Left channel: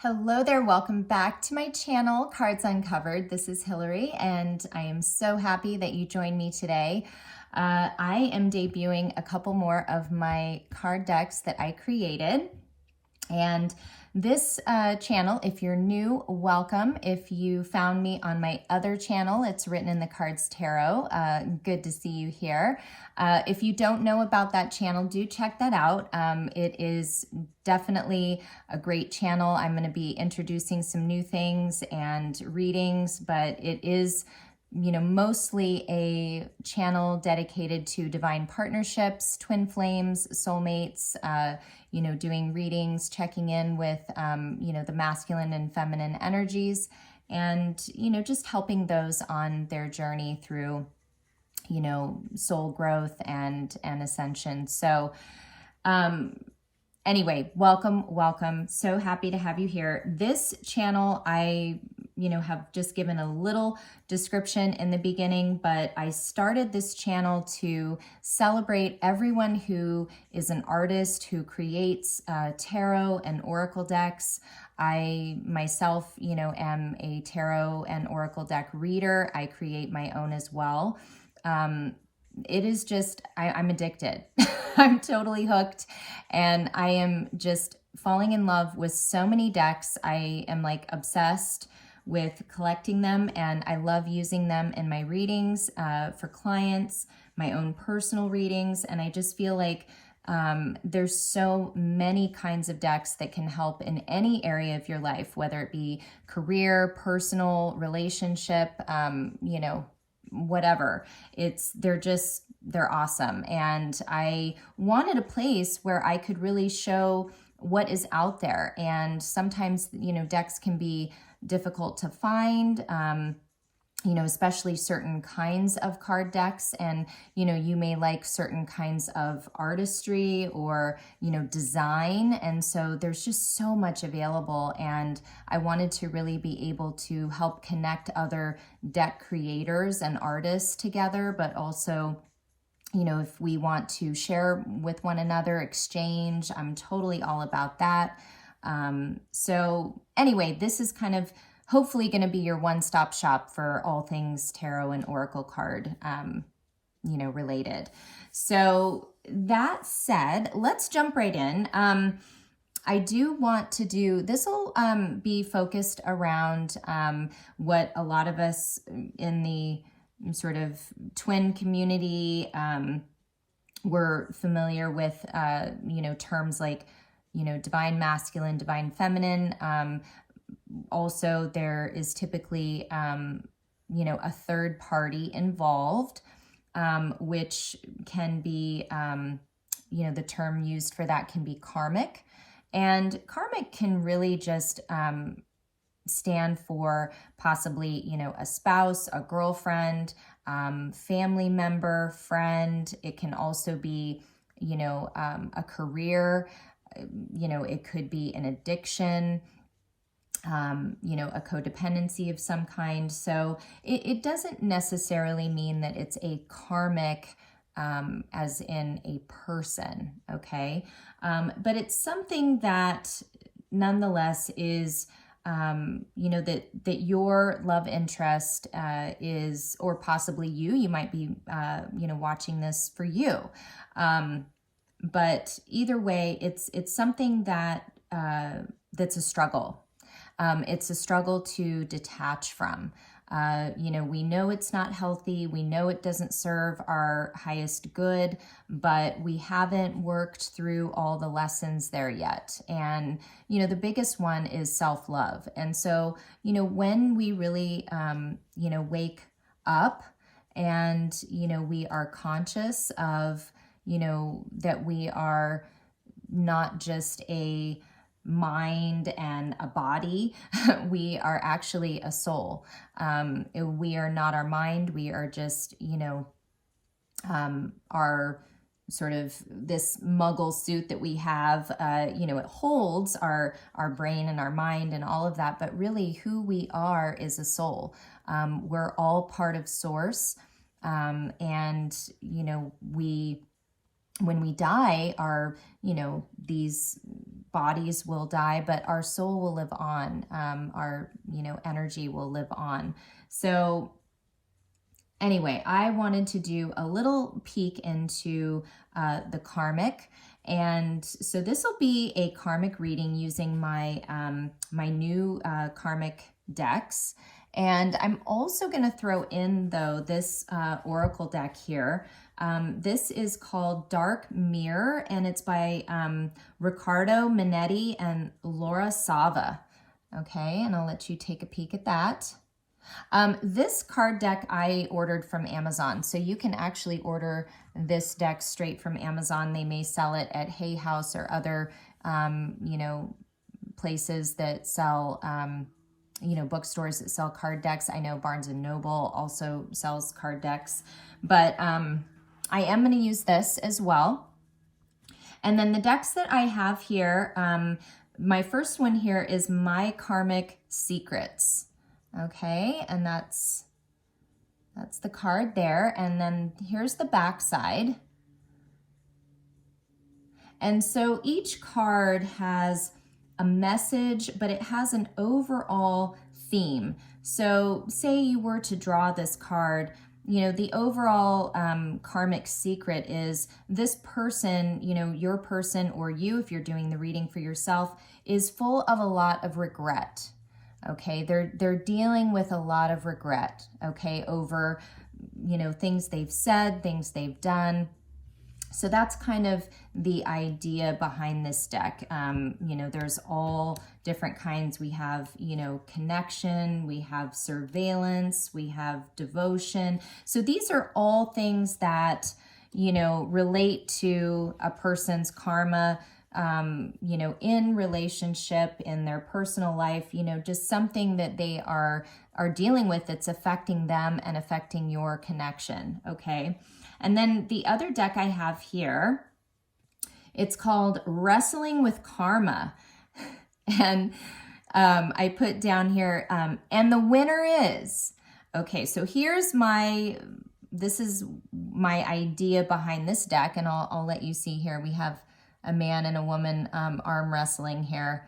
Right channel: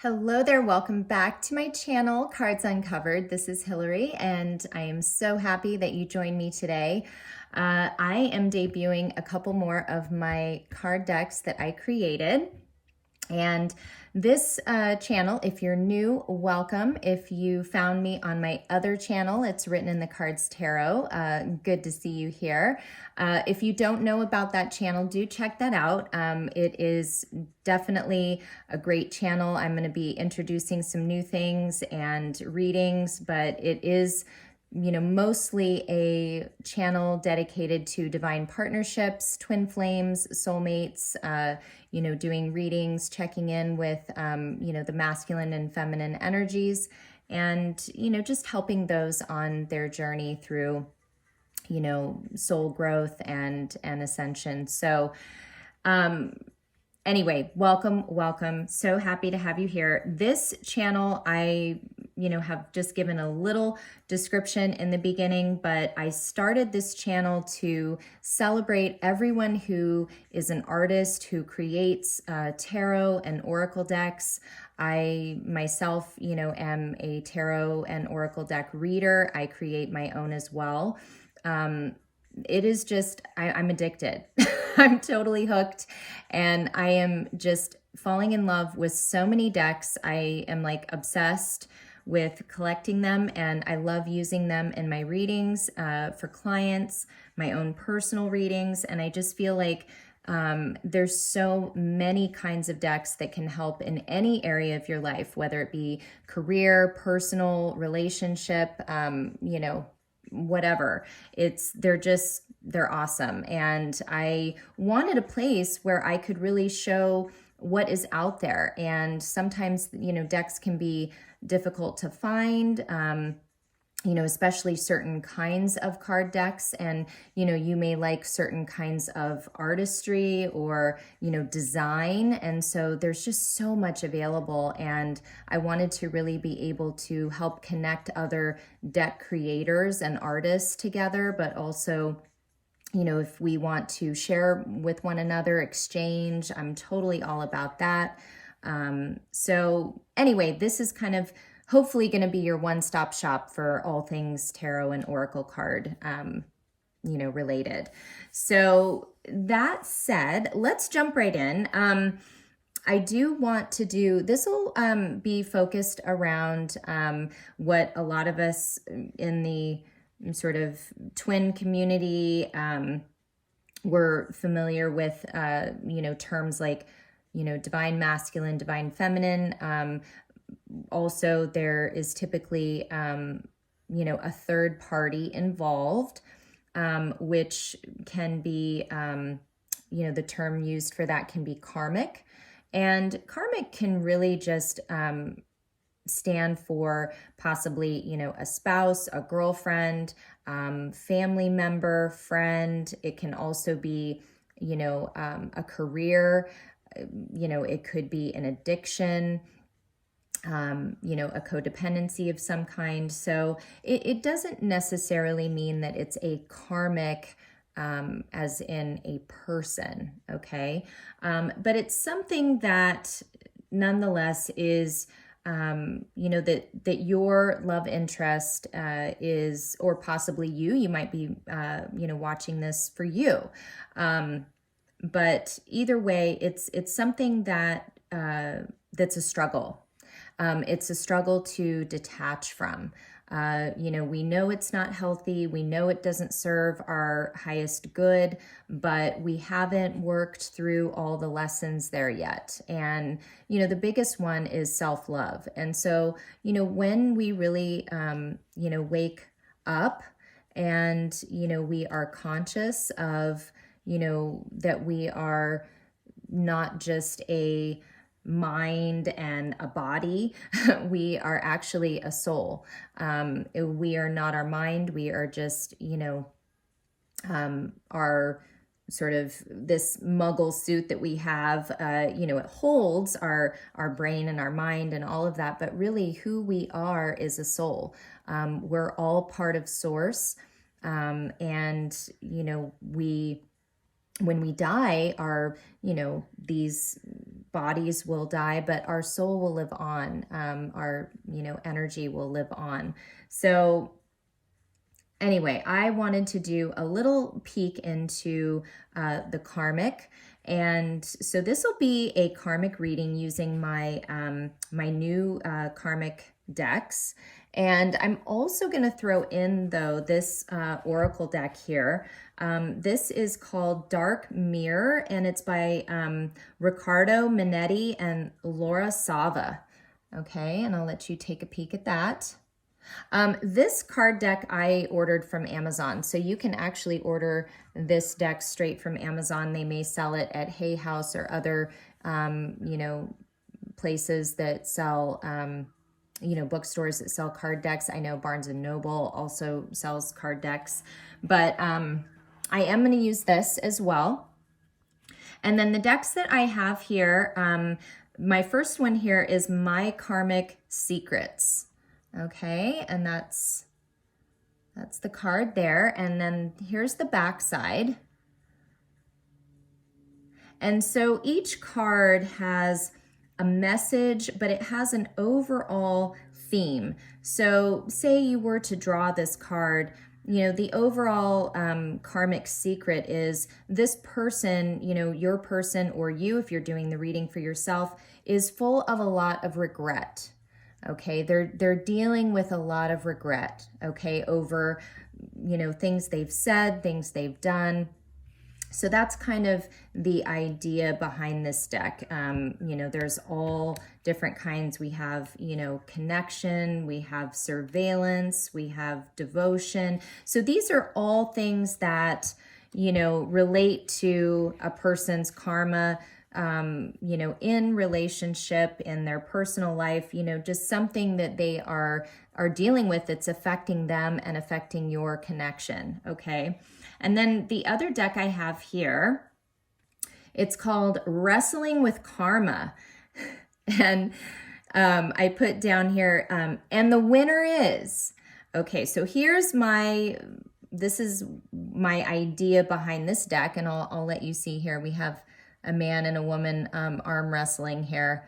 Hello there, welcome back to my channel, Cards Uncovered. This is Hilary, and I am so happy that you joined me today. I am debuting a couple more of my card decks that I created. And this channel, if you're new, welcome. If you found me on my other channel, it's Written in the Cards Tarot. Good to see you here. If you don't know about that channel, do check that out. It is definitely a great channel. I'm going to be introducing some new things and readings, but it is, mostly a channel dedicated to divine partnerships, twin flames, soulmates, doing readings, checking in with, the masculine and feminine energies, and, just helping those on their journey through, soul growth and ascension. So, anyway, welcome. So happy to have you here. This channel, I, have just given a little description in the beginning, but I started this channel to celebrate everyone who is an artist who creates tarot and oracle decks. I myself, am a tarot and oracle deck reader. I create my own as well. It is just, I'm addicted. I'm totally hooked, and I am just falling in love with so many decks. I am like obsessed with collecting them, and I love using them in my readings for clients, my own personal readings, and I just feel like there's so many kinds of decks that can help in any area of your life, whether it be career, personal, relationship, whatever. They're awesome. And I wanted a place where I could really show what is out there. And sometimes, decks can be difficult to find, especially certain kinds of card decks. And, you may like certain kinds of artistry or, design. And so there's just so much available. And I wanted to really be able to help connect other deck creators and artists together, but also, if we want to share with one another, exchange, I'm totally all about that. So anyway, this is kind of hopefully going to be your one-stop shop for all things tarot and oracle card, related. So that said, let's jump right in. I do want to do, this will be focused around what a lot of us in the sort of twin community, we're familiar with, terms like, divine masculine, divine feminine. Also, there is typically, a third party involved, which can be, the term used for that can be karmic. And karmic can really just stand for possibly, a spouse, a girlfriend, family member, friend. It can also be, a career, it could be an addiction, a codependency of some kind. So it doesn't necessarily mean that it's a karmic, as in a person, okay? But it's something that nonetheless is, that your love interest is, or possibly you might be, watching this for you. But either way, it's something that, that's a struggle. It's a struggle to detach from. We know it's not healthy. We know it doesn't serve our highest good, but we haven't worked through all the lessons there yet. And, the biggest one is self-love. And so, when we really, wake up and, we are conscious of, that we are not just a mind and a body, we are actually a soul. We are not our mind. We are just, our sort of this muggle suit that we have, it holds our brain and our mind and all of that, but really who we are is a soul. We're all part of source. And, we when we die, these bodies will die, but our soul will live on. Our, energy will live on. So anyway, I wanted to do a little peek into the karmic. And so this will be a karmic reading using my my new karmic decks. And I'm also going to throw in, though, this oracle deck here. This is called Dark Mirror, and it's by Riccardo Minetti and Laura Sava. Okay, and I'll let you take a peek at that. This card deck I ordered from Amazon, so you can actually order this deck straight from Amazon. They may sell it at Hay House or other, places that sell, bookstores that sell card decks. I know Barnes and Noble also sells card decks, but I am going to use this as well. And then the decks that I have here, my first one here is My Karmic Secrets. Okay, and that's the card there. And then here's the back side. And so each card has a message, but it has an overall theme. So say you were to draw this card, the overall karmic secret is this person, your person, or you, if you're doing the reading for yourself, is full of a lot of regret. Okay, they're dealing with a lot of regret, okay, over, things they've said, things they've done. So that's kind of the idea behind this deck. There's all different kinds. We have, connection, we have surveillance, we have devotion. So these are all things that, relate to a person's karma, in relationship, in their personal life, just something that they are dealing with that's affecting them and affecting your connection, okay? And then the other deck I have here, it's called Wrestling with Karma. And I put down here, and the winner is, okay, so this is my idea behind this deck, and I'll let you see here. We have a man and a woman arm wrestling here.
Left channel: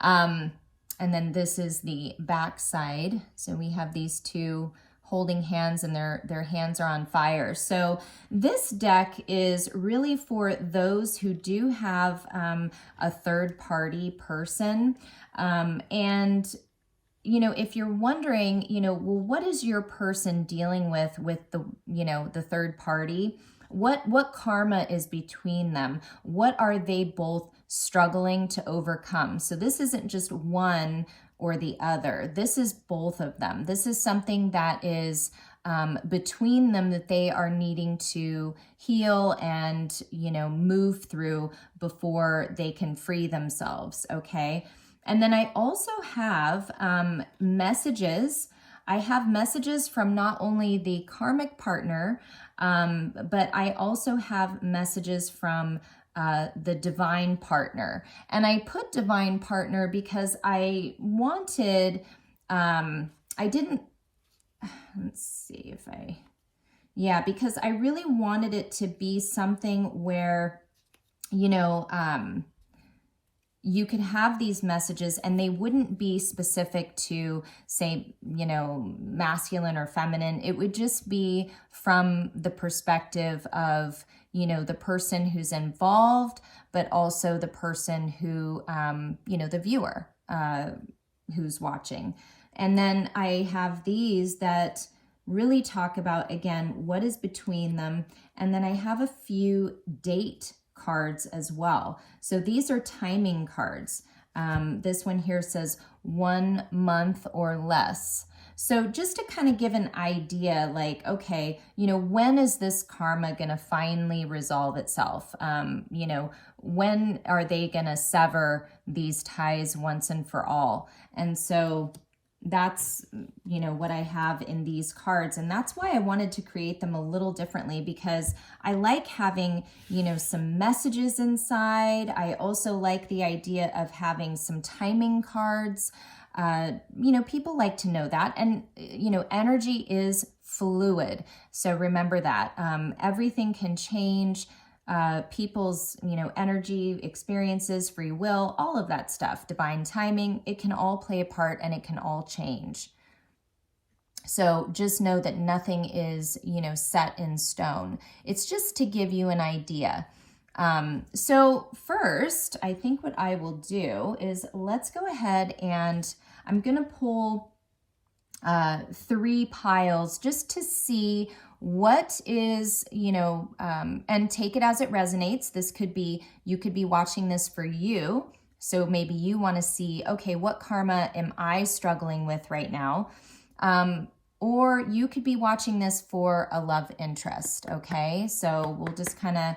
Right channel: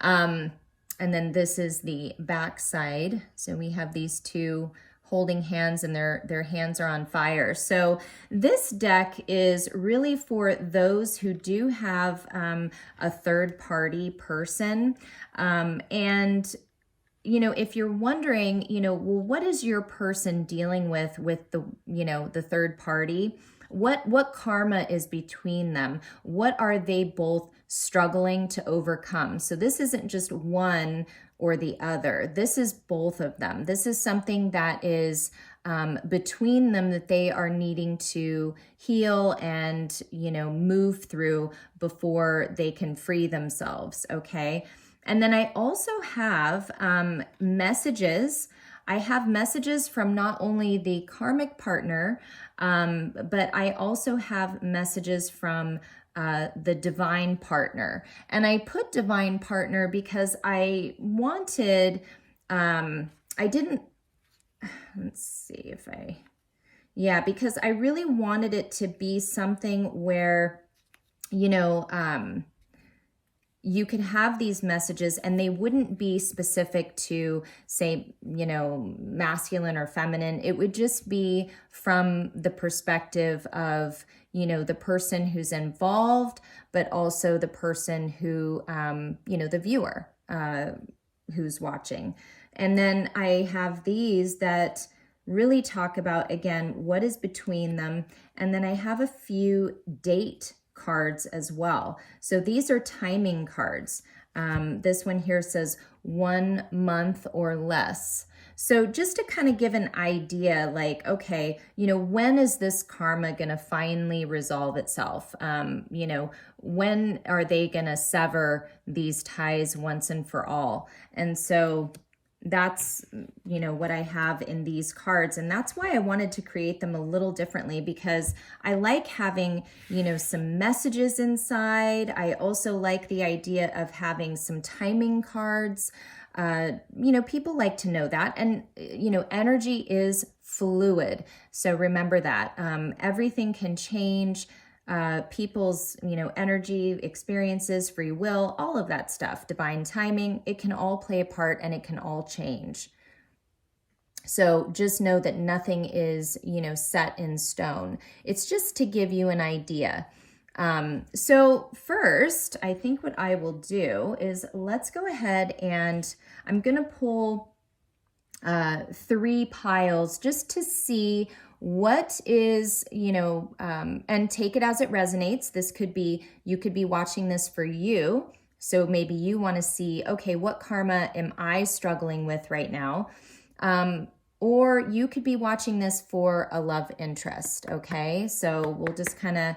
And then this is the back side. So we have these two holding hands, and their hands are on fire. So this deck is really for those who do have a third party person. And, if you're wondering, well, what is your person dealing with the, the third party? What karma is between them? What are they both struggling to overcome? So this isn't just one or the other. This is both of them. This is something that is between them that they are needing to heal and, move through before they can free themselves, okay? And then I also have messages. I have messages from not only the karmic partner, but I also have messages from the divine partner. And I put divine partner because I wanted, because I really wanted it to be something where, you could have these messages and they wouldn't be specific to, say, masculine or feminine. It would just be from the perspective of, the person who's involved, but also the person who, the viewer who's watching. And then I have these that really talk about, again, what is between them. And then I have a few date cards as well. So these are timing cards. This one here says 1 month or less. So just to kind of give an idea, like, okay, when is this karma going to finally resolve itself? When are they going to sever these ties once and for all? And so that's, what I have in these cards. And that's why I wanted to create them a little differently, because I like having, some messages inside. I also like the idea of having some timing cards. People like to know that. And, energy is fluid. So remember that everything can change people's, energy, experiences, free will, all of that stuff, divine timing, it can all play a part and it can all change. So just know that nothing is, set in stone. It's just to give you an idea. So first, I think what I will do is let's go ahead and I'm going to pull 3 piles just to see what is, and take it as it resonates. This could be, you could be watching this for you. So maybe you want to see, okay, what karma am I struggling with right now? Or you could be watching this for a love interest, okay? So we'll just kind of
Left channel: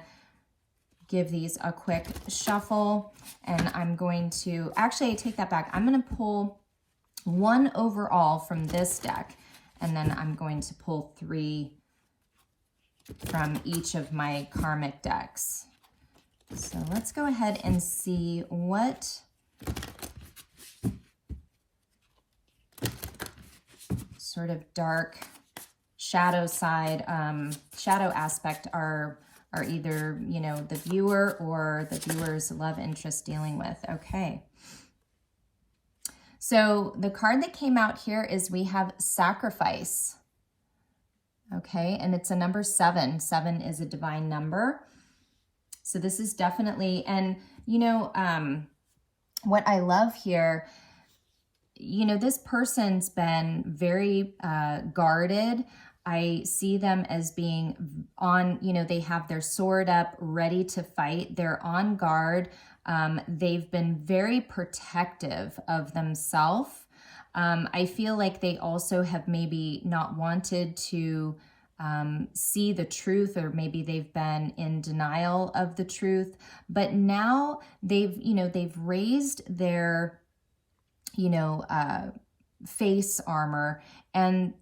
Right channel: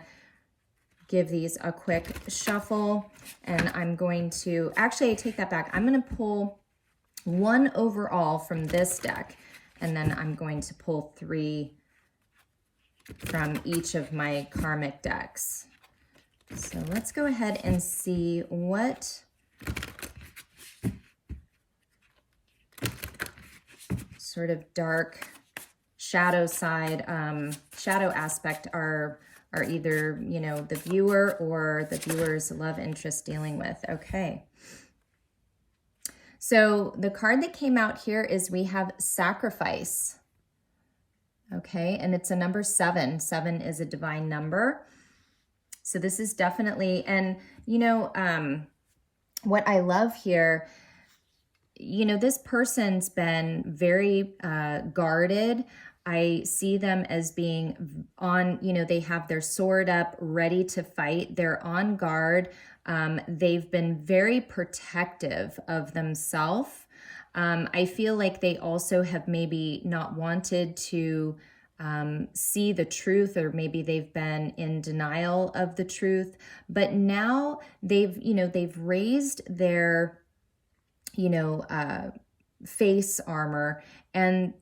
give these a quick shuffle, and I'm going to, actually I take that back. I'm going to pull 1 overall from this deck, and then I'm going to pull 3 from each of my karmic decks. So let's go ahead and see what sort of dark shadow side, shadow aspect are either, the viewer or the viewer's love interest dealing with. Okay. So the card that came out here is we have sacrifice. Okay. And it's a number 7. 7 is a divine number. So this is definitely, and what I love here, this person's been very guarded. I see them as being on, they have their sword up, ready to fight. They're on guard. They've been very protective of themselves. I feel like they also have maybe not wanted to see the truth, or maybe they've been in denial of the truth. But now they've raised their face armor, and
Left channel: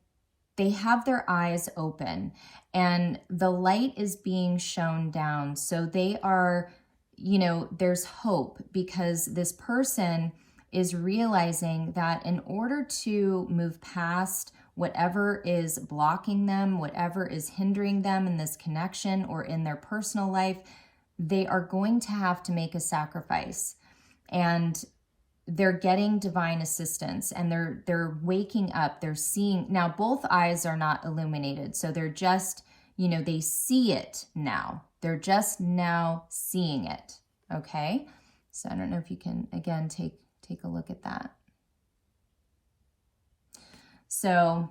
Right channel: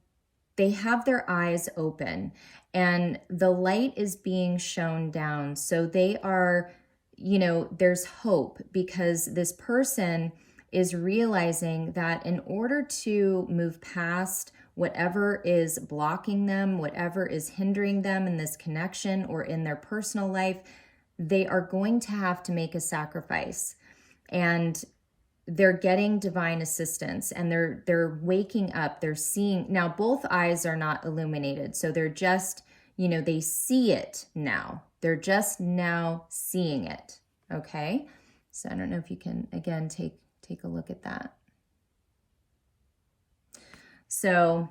they have their eyes open, and the light is being shown down. So they are, there's hope, because this person is realizing that in order to move past whatever is blocking them, whatever is hindering them in this connection or in their personal life, they are going to have to make a sacrifice. And they're getting divine assistance, and they're waking up. They're seeing now. Both eyes are not illuminated, so they're just, they see it now. They're just now seeing it. Okay, so I don't know if you can again take a look at that. So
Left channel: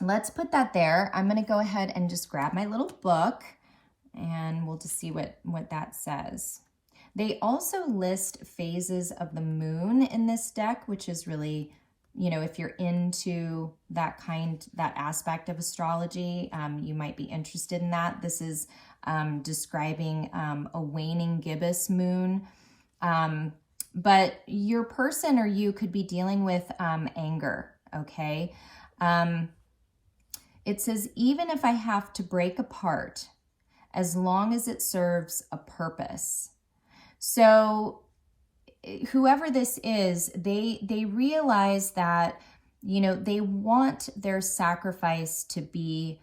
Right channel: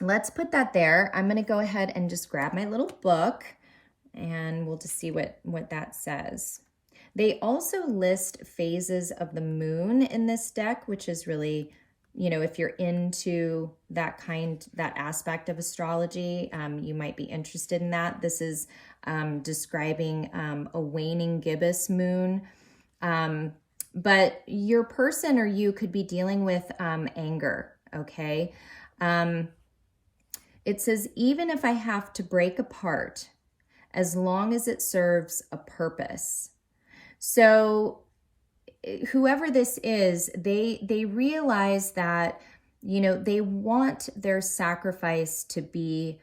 let's put that there. I'm going to go ahead and just grab my little book, and we'll just see what that says. They also list phases of the moon in this deck, which is really, if you're into that aspect of astrology, you might be interested in that. This is describing a waning gibbous moon. But your person or you could be dealing with anger, okay? It says, even if I have to break apart, as long as it serves a purpose. So whoever this is, they realize that, they want their sacrifice to be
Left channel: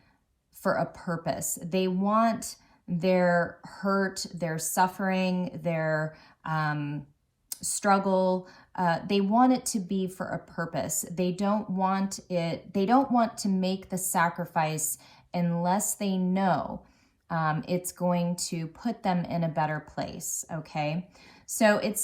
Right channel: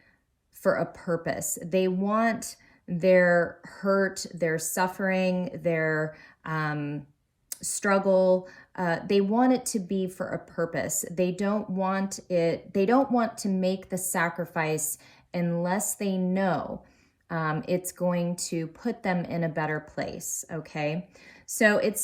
for a purpose. They want their hurt, their suffering, their struggle, they want it to be for a purpose. They don't want to make the sacrifice unless they know it's going to put them in a better place. Okay. So it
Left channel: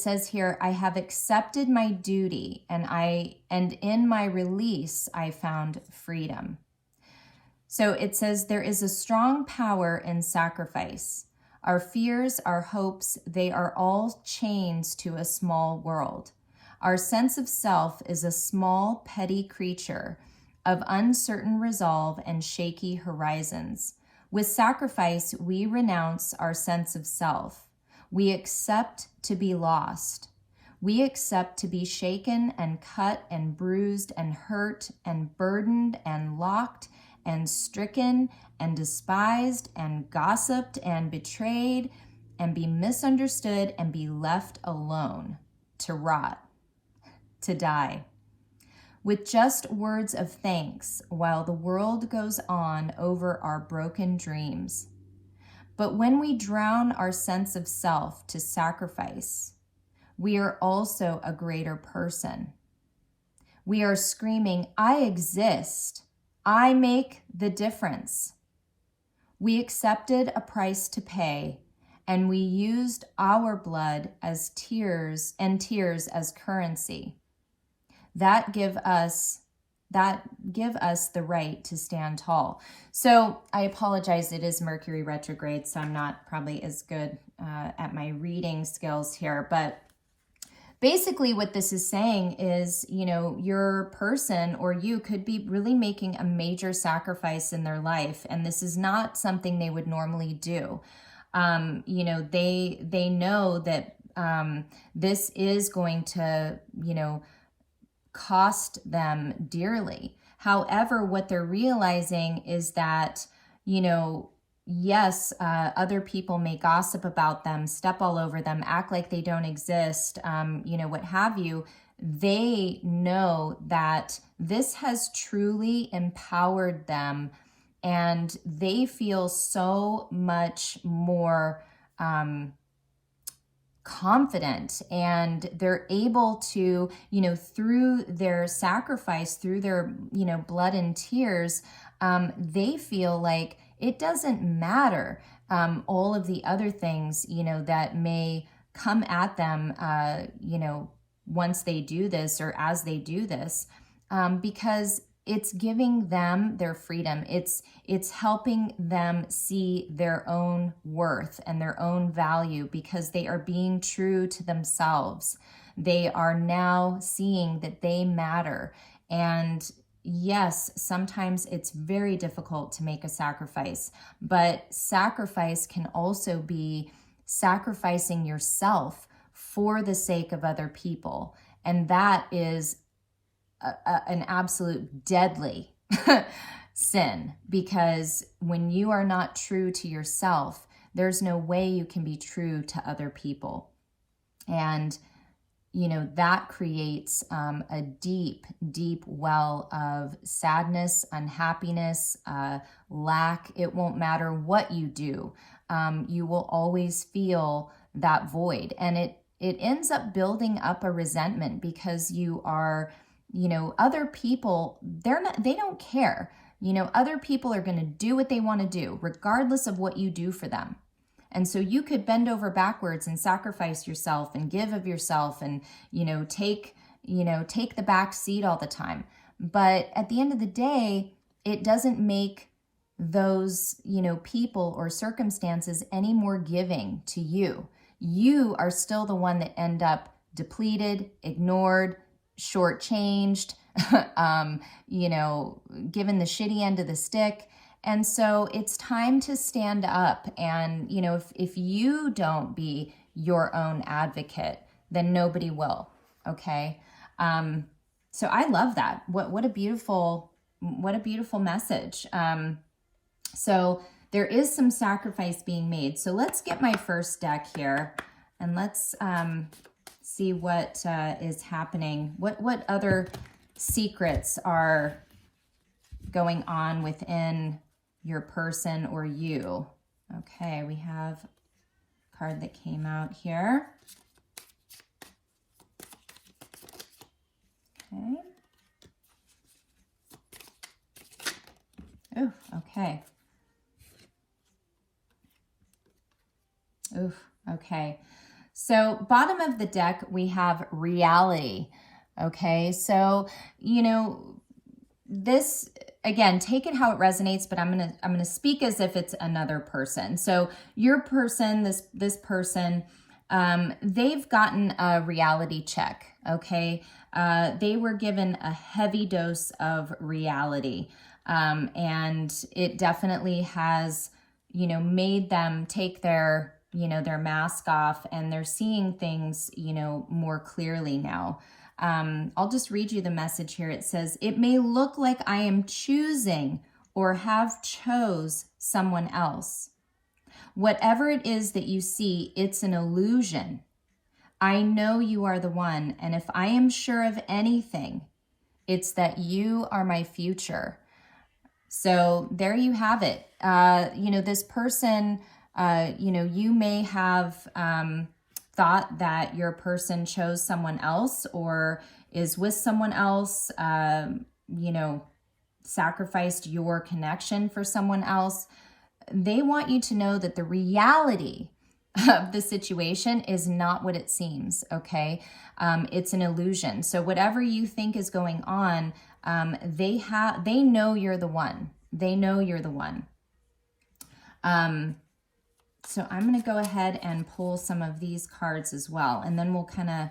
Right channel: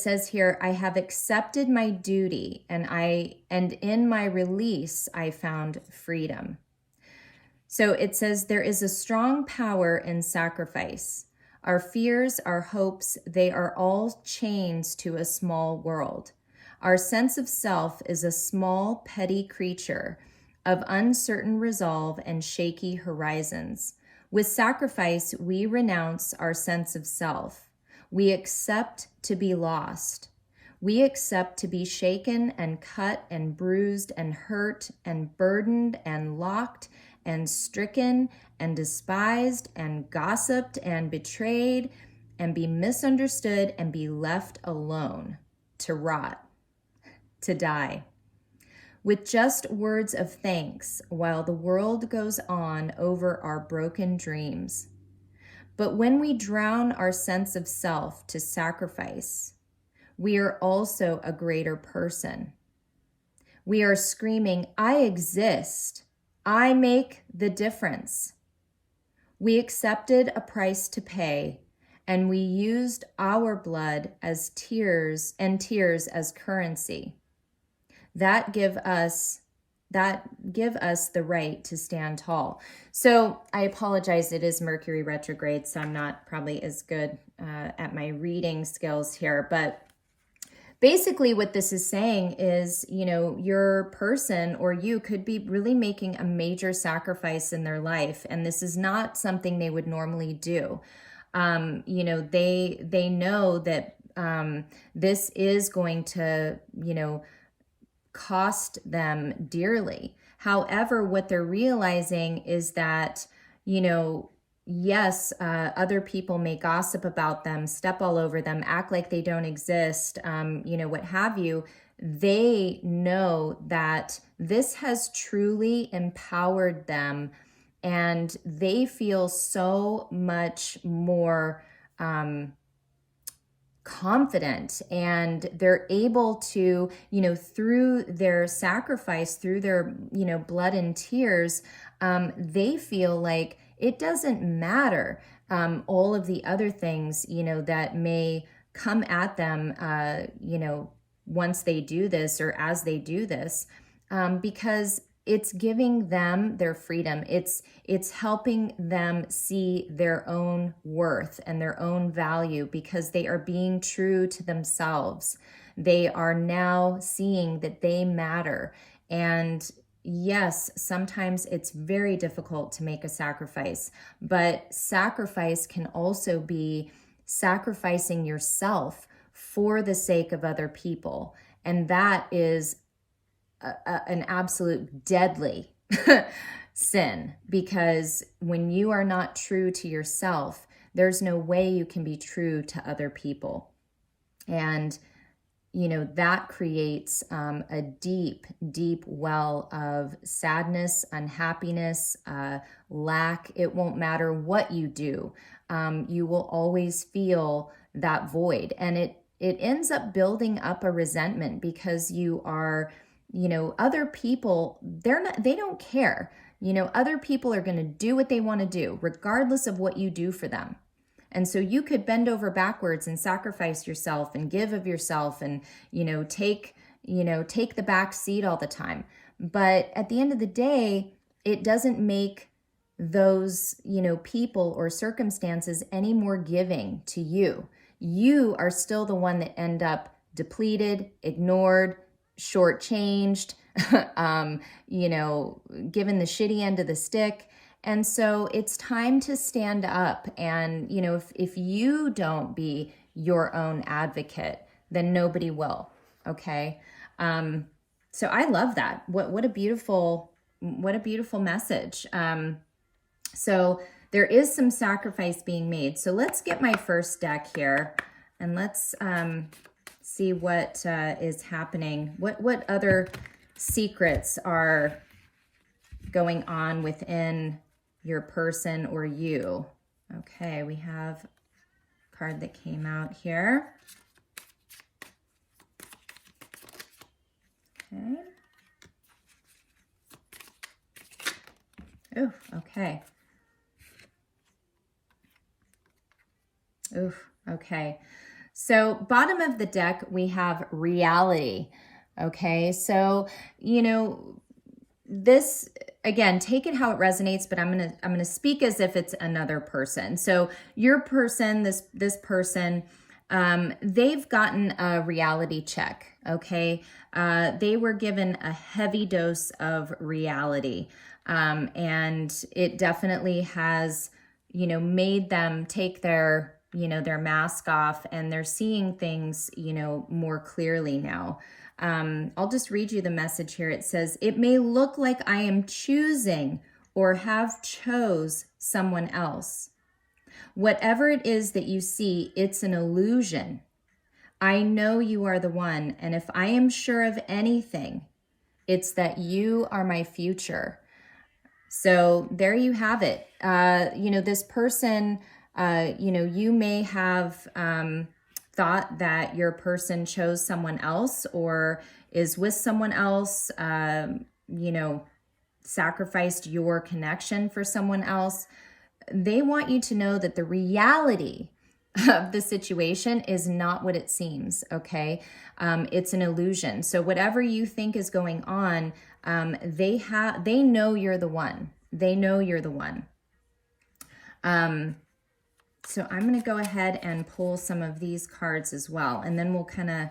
says here, I have accepted my duty, and in my release, I found freedom. So it says there is a strong power in sacrifice. Our fears, our hopes, they are all chains to a small world. Our sense of self is a small, petty creature of uncertain resolve and shaky horizons. With sacrifice, we renounce our sense of self. We accept to be lost. We accept to be shaken and cut and bruised and hurt and burdened and locked and stricken and despised and gossiped and betrayed and be misunderstood and be left alone to rot, to die. with just words of thanks while the world goes on over our broken dreams. But when we drown our sense of self to sacrifice, we are also a greater person. We are screaming, I exist. I make the difference. We accepted a price to pay, and we used our blood as tears as currency. That give us the right to stand tall. So I apologize, it is Mercury retrograde, so I'm not probably as good at my reading skills here, but basically what this is saying is, your person or you could be really making a major sacrifice in their life, and this is not something they would normally do. They know that this is going to, cost them dearly. However, what they're realizing is that, yes, other people may gossip about them, step all over them, act like they don't exist, what have you. They know that this has truly empowered them, and they feel so much more confident, and they're able to, through their sacrifice, through their, blood and tears, they feel like it doesn't matter all of the other things, that may come at them, once they do this or as they do this, because it's giving them their freedom. It's helping them see their own worth and their own value because they are being true to themselves. They are now seeing that they matter. And yes, sometimes it's very difficult to make a sacrifice, but sacrifice can also be sacrificing yourself for the sake of other people. And that is an absolute deadly sin, because when you are not true to yourself, there's no way you can be true to other people. And, that creates a deep, deep well of sadness, unhappiness, lack. It won't matter what you do. You will always feel that void. And it ends up building up a resentment because you are, other people, they don't care. Other people are going to do what they want to do, regardless of what you do for them. And so you could bend over backwards and sacrifice yourself and give of yourself and, take the back seat all the time. But at the end of the day, it doesn't make those, people or circumstances any more giving to you. You are still the one that end up depleted, ignored, shortchanged, given the shitty end of the stick. And so it's time to stand up. And, if you don't be your own advocate, then nobody will. Okay. So I love that. What a beautiful message. So there is some sacrifice being made. So let's get my first deck here and let's, see what is happening. What other secrets are going on within your person or you? Okay, we have a card that came out here. Okay. Oh, okay. Oof, okay. So bottom of the deck, we have reality. Okay, so, this, again, take it how it resonates, but I'm gonna speak as if it's another person. So your person, this person, they've gotten a reality check. Okay, they were given a heavy dose of reality, and it definitely has, made them take their mask off, and they're seeing things, more clearly now. I'll just read you the message here. It says, it may look like I am choosing or have chose someone else. Whatever it is that you see, it's an illusion. I know you are the one, and if I am sure of anything, It's that you are my future. So there you have it. This person, you may have thought that your person chose someone else or is with someone else, sacrificed your connection for someone else. They want you to know that the reality of the situation is not what it seems, okay? It's an illusion. So whatever you think is going on, they know you're the one. They know you're the one. So I'm going to go ahead and pull some of these cards as well, and then we'll kind of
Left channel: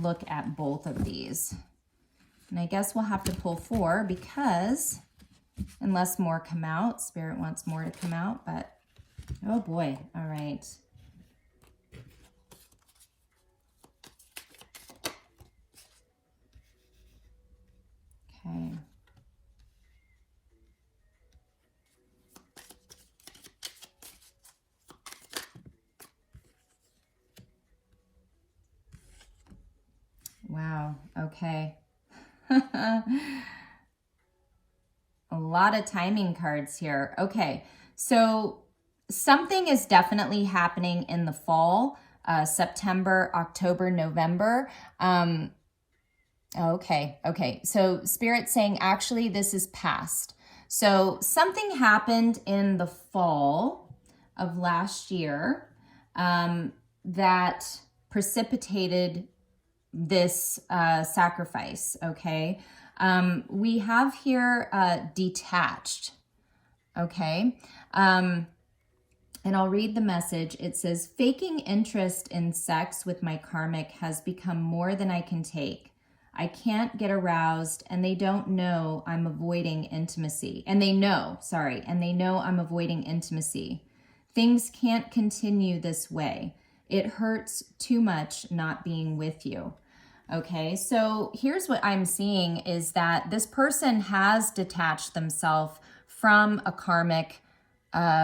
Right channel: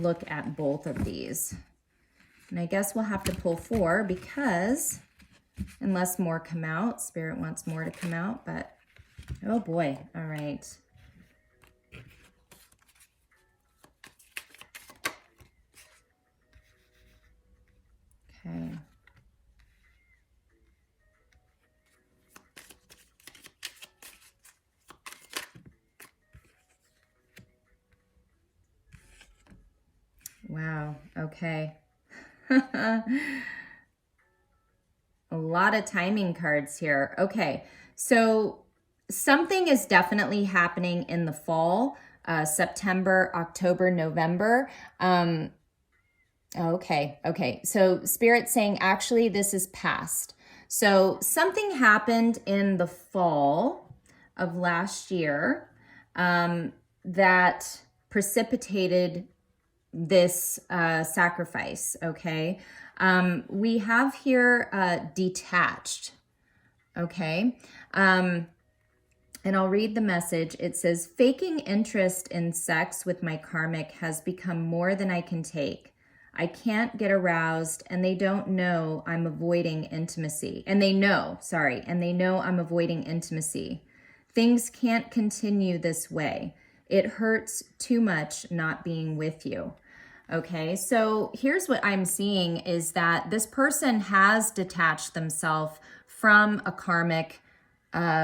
look at both of these. And I guess we'll have to pull 4 because unless more come out, Spirit wants more to come out, but oh boy. All right. Okay. Wow. Okay. A lot of timing cards here. Okay. So something is definitely happening in the fall, September, October, November. Okay. So Spirit's saying, actually, this is past. So something happened in the fall of last year that precipitated this sacrifice, okay? We have here detached, okay? And I'll read the message. It says, faking interest in sex with my karmic has become more than I can take. I can't get aroused, and they don't know I'm avoiding intimacy. And they know I'm avoiding intimacy. Things can't continue this way. It hurts too much not being with you. Okay, so here's what I'm seeing is that this person has detached themselves from a karmic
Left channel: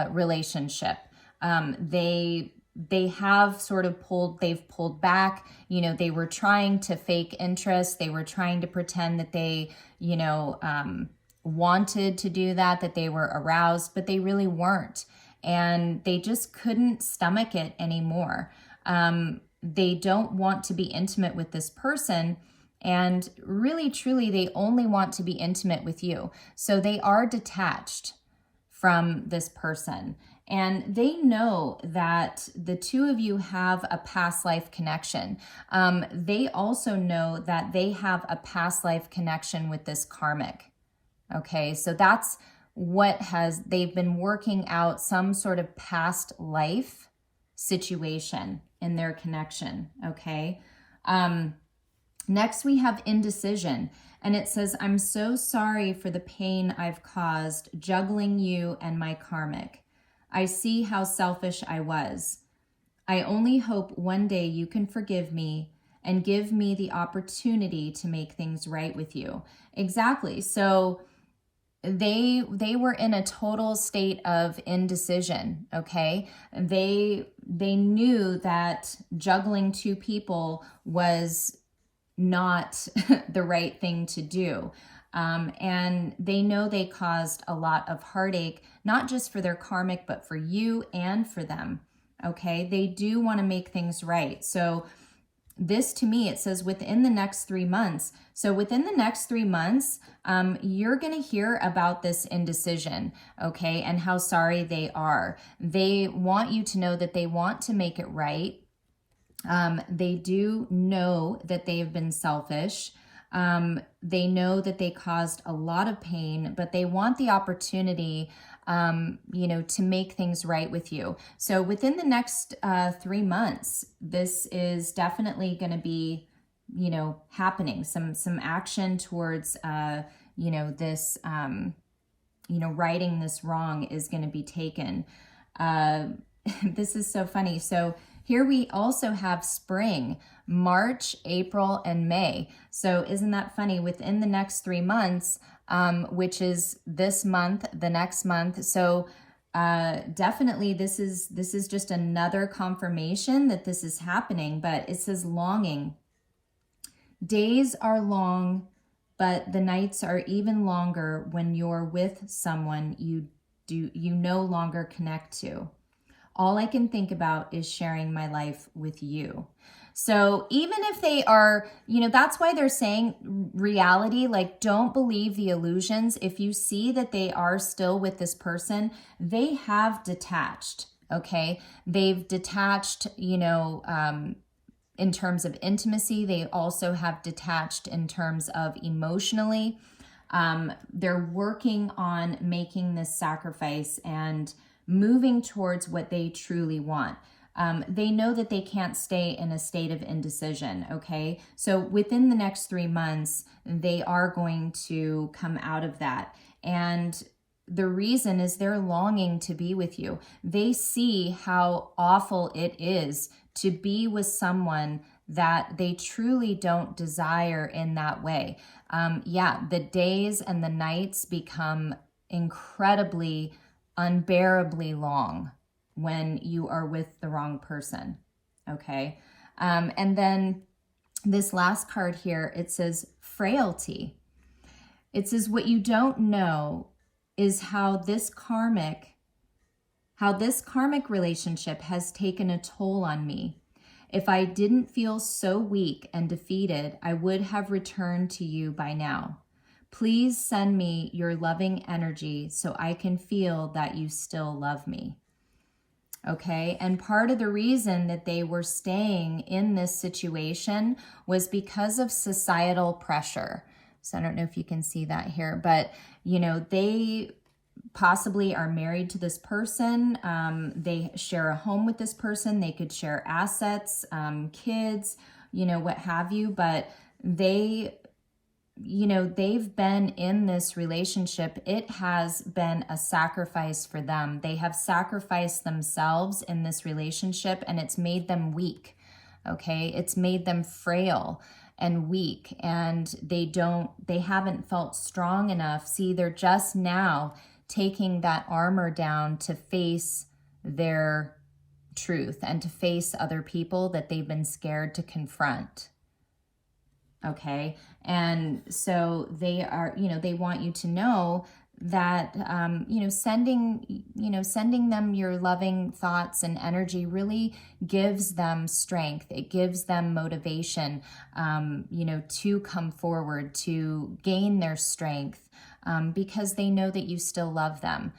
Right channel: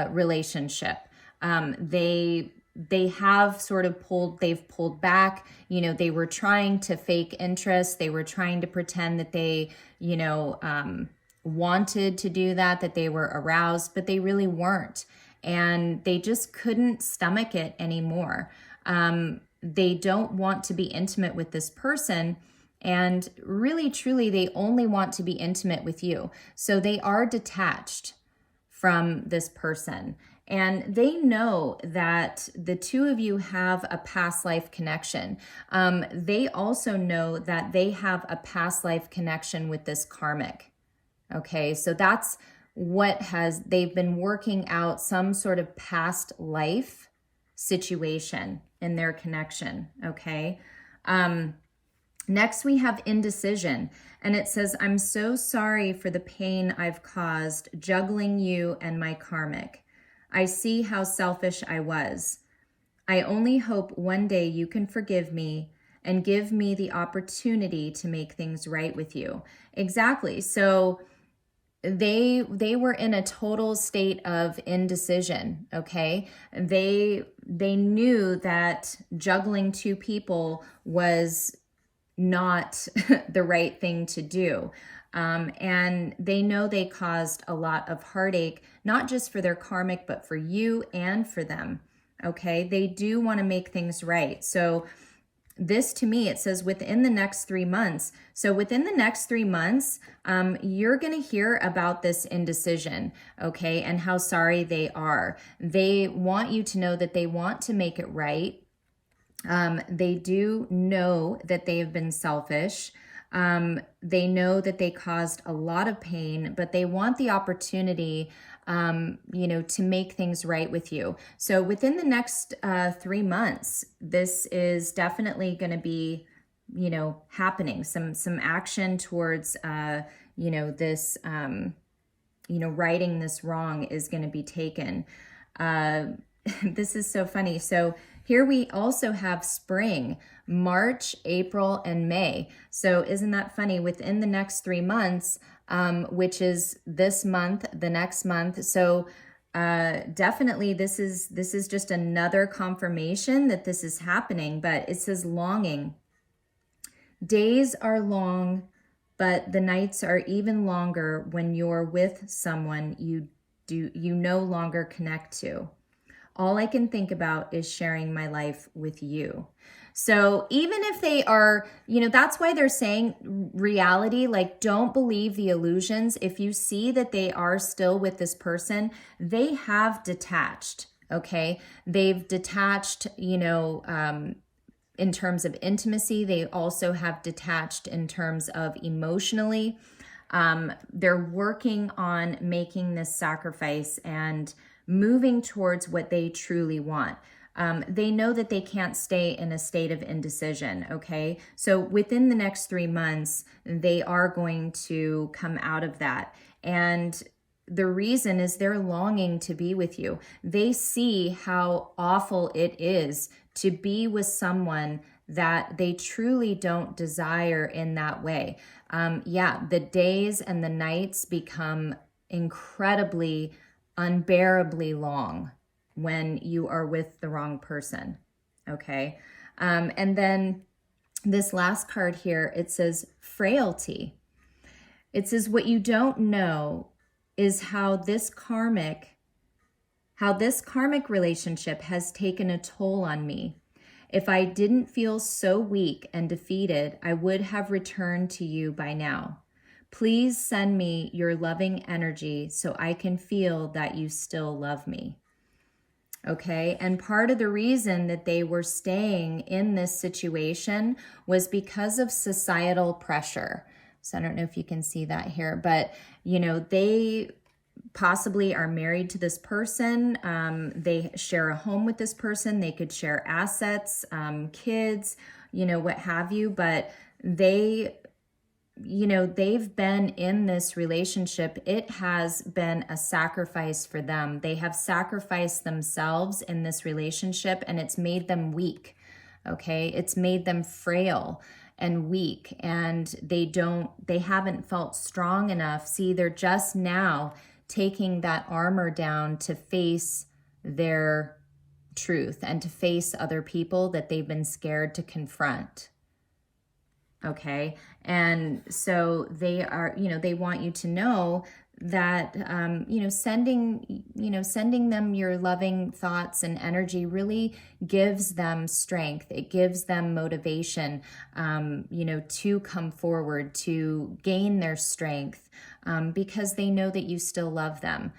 relationship. They have sort of pulled back. They were trying to fake interest. They were trying to pretend that they, wanted to do that they were aroused, but they really weren't. And they just couldn't stomach it anymore. They don't want to be intimate with this person. And really, truly, they only want to be intimate with you. So they are detached from this person. And they know that the two of you have a past life connection. They also know that they have a past life connection with this karmic. Okay, so that's what they've been working out some sort of past life situation in their connection. Okay. Next we have indecision, and it says, I'm so sorry for the pain I've caused juggling you and my karmic. I see how selfish I was. I only hope one day you can forgive me and give me the opportunity to make things right with you. Exactly. So they were in a total state of indecision, okay? They knew that juggling two people was not the right thing to do. And they know they caused a lot of heartache, not just for their karmic, but for you and for them, okay? They do want to make things right. So this, to me, it says within the next 3 months. So within the next 3 months, you're going to hear about this indecision, okay, and how sorry they are. They want you to know that they want to make it right. They do know that they have been selfish. They know that they caused a lot of pain, but they want the opportunity to make things right with you. So within the next 3 months, this is definitely going to be, happening. Some action towards, this, righting this wrong is going to be taken. This is so funny. So here we also have spring, March, April, and May. So isn't that funny? Within the next 3 months, which is this month, the next month. So definitely this is just another confirmation that this is happening, but it says longing. Days are long, but the nights are even longer when you're with someone you no longer connect to. All I can think about is sharing my life with you. So even if they are, that's why they're saying reality, like, don't believe the illusions. If you see that they are still with this person, they have detached, okay? They've detached, in terms of intimacy. They also have detached in terms of emotionally. They're working on making this sacrifice and moving towards what they truly want. They know that they can't stay in a state of indecision, okay? So within the next 3 months, they are going to come out of that. And the reason is they're longing to be with you. They see how awful it is to be with someone that they truly don't desire in that way. The days and the nights become incredibly, unbearably long when you are with the wrong person, okay? And then this last card here, it says frailty. It says, what you don't know is how this karmic relationship has taken a toll on me. If I didn't feel so weak and defeated, I would have returned to you by now. Please send me your loving energy so I can feel that you still love me. Okay, and part of the reason that they were staying in this situation was because of societal pressure. So I don't know if you can see that here, but they possibly are married to this person. They share a home with this person. They could share assets, kids, what have you, but they've been in this relationship. It has been a sacrifice for them. They have sacrificed themselves in this relationship, and it's made them weak, okay? It's made them frail and weak, and they haven't felt strong enough. See, they're just now taking that armor down to face their truth and to face other people that they've been scared to confront. Okay. And so they are, they want you to know that, sending them your loving thoughts and energy really gives them strength. It gives them motivation, to come forward, to gain their strength, because they know that you still love them.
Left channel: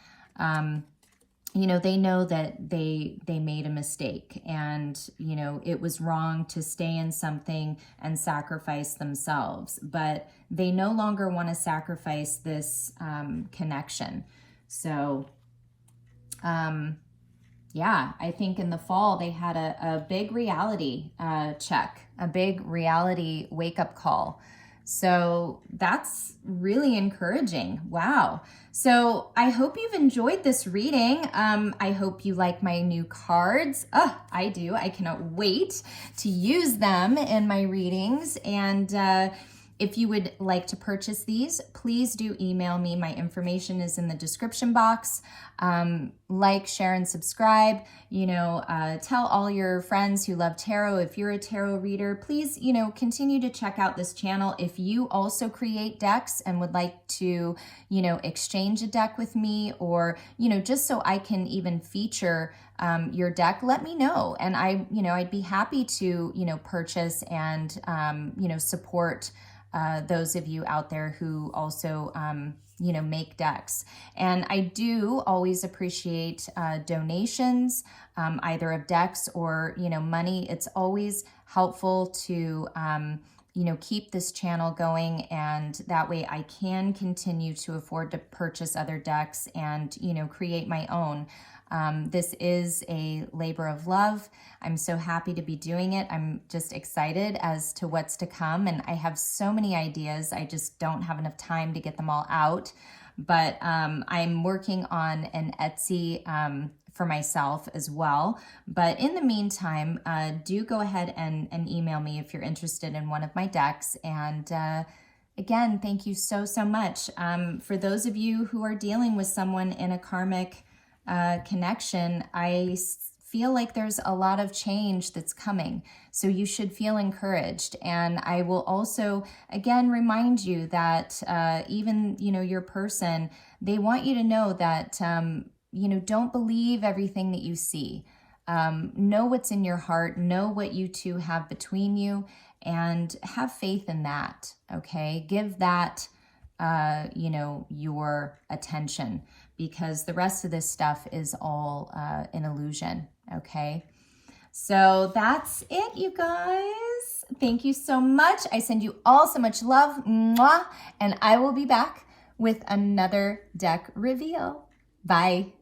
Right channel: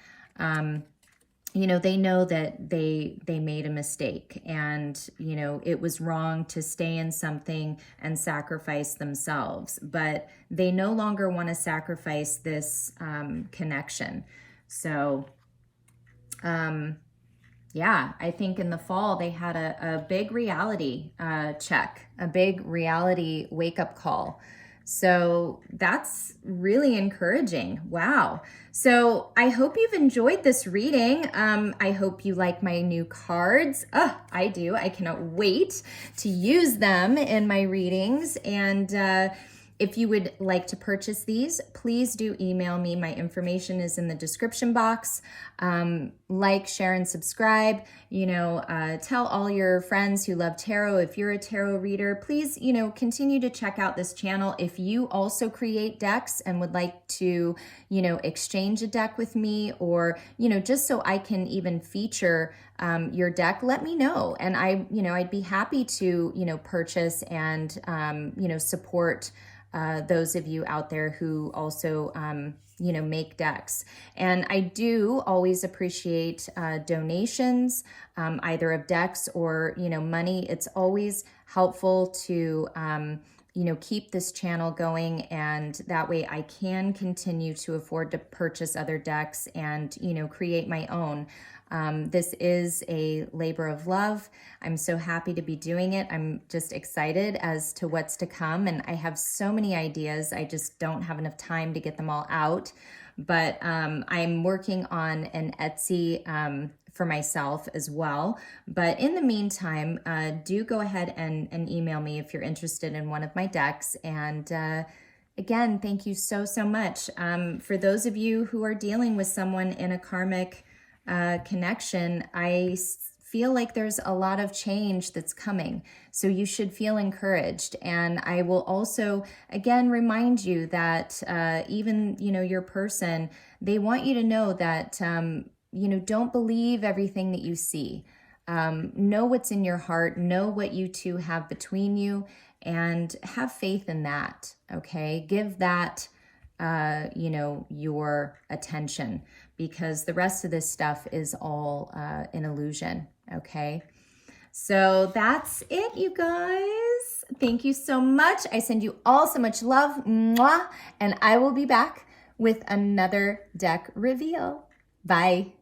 They know that they made a mistake, and, it was wrong to stay in something and sacrifice themselves, but they no longer want to sacrifice this connection. So, I think in the fall they had a big reality check, a big reality wake-up call. So that's really encouraging. Wow. So I hope you've enjoyed this reading. I hope you like my new cards. I do. I cannot wait to use them in my readings. And if you would like to purchase these, please do email me. My information is in the description box. Like, share, and subscribe. Tell all your friends who love tarot. If you're a tarot reader, please, continue to check out this channel. If you also create decks and would like to, exchange a deck with me, or, just so I can even feature your deck, let me know. And I'd be happy to, purchase and, support those of you out there who also, make decks. And I do always appreciate donations, either of decks or, money. It's always helpful to, keep this channel going, and that way I can continue to afford to purchase other decks and, create my own. This is a labor of love. I'm so happy to be doing it. I'm just excited as to what's to come, and I have so many ideas. I just don't have enough time to get them all out, but I'm working on an Etsy for myself as well. But in the meantime, do go ahead and email me if you're interested in one of my decks. And again, thank you so much. For those of you who are dealing with someone in a karmic connection, I feel like there's a lot of change that's coming. So you should feel encouraged. And I will also, again, remind you that even, your person, they want you to know that, don't believe everything that you see. Know what's in your heart, know what you two have between you, and have faith in that, okay? Give that, your attention, because the rest of this stuff is all an illusion, okay? So that's it, you guys. Thank you so much. I send you all so much love, mwah, and I will be back with another deck reveal. Bye.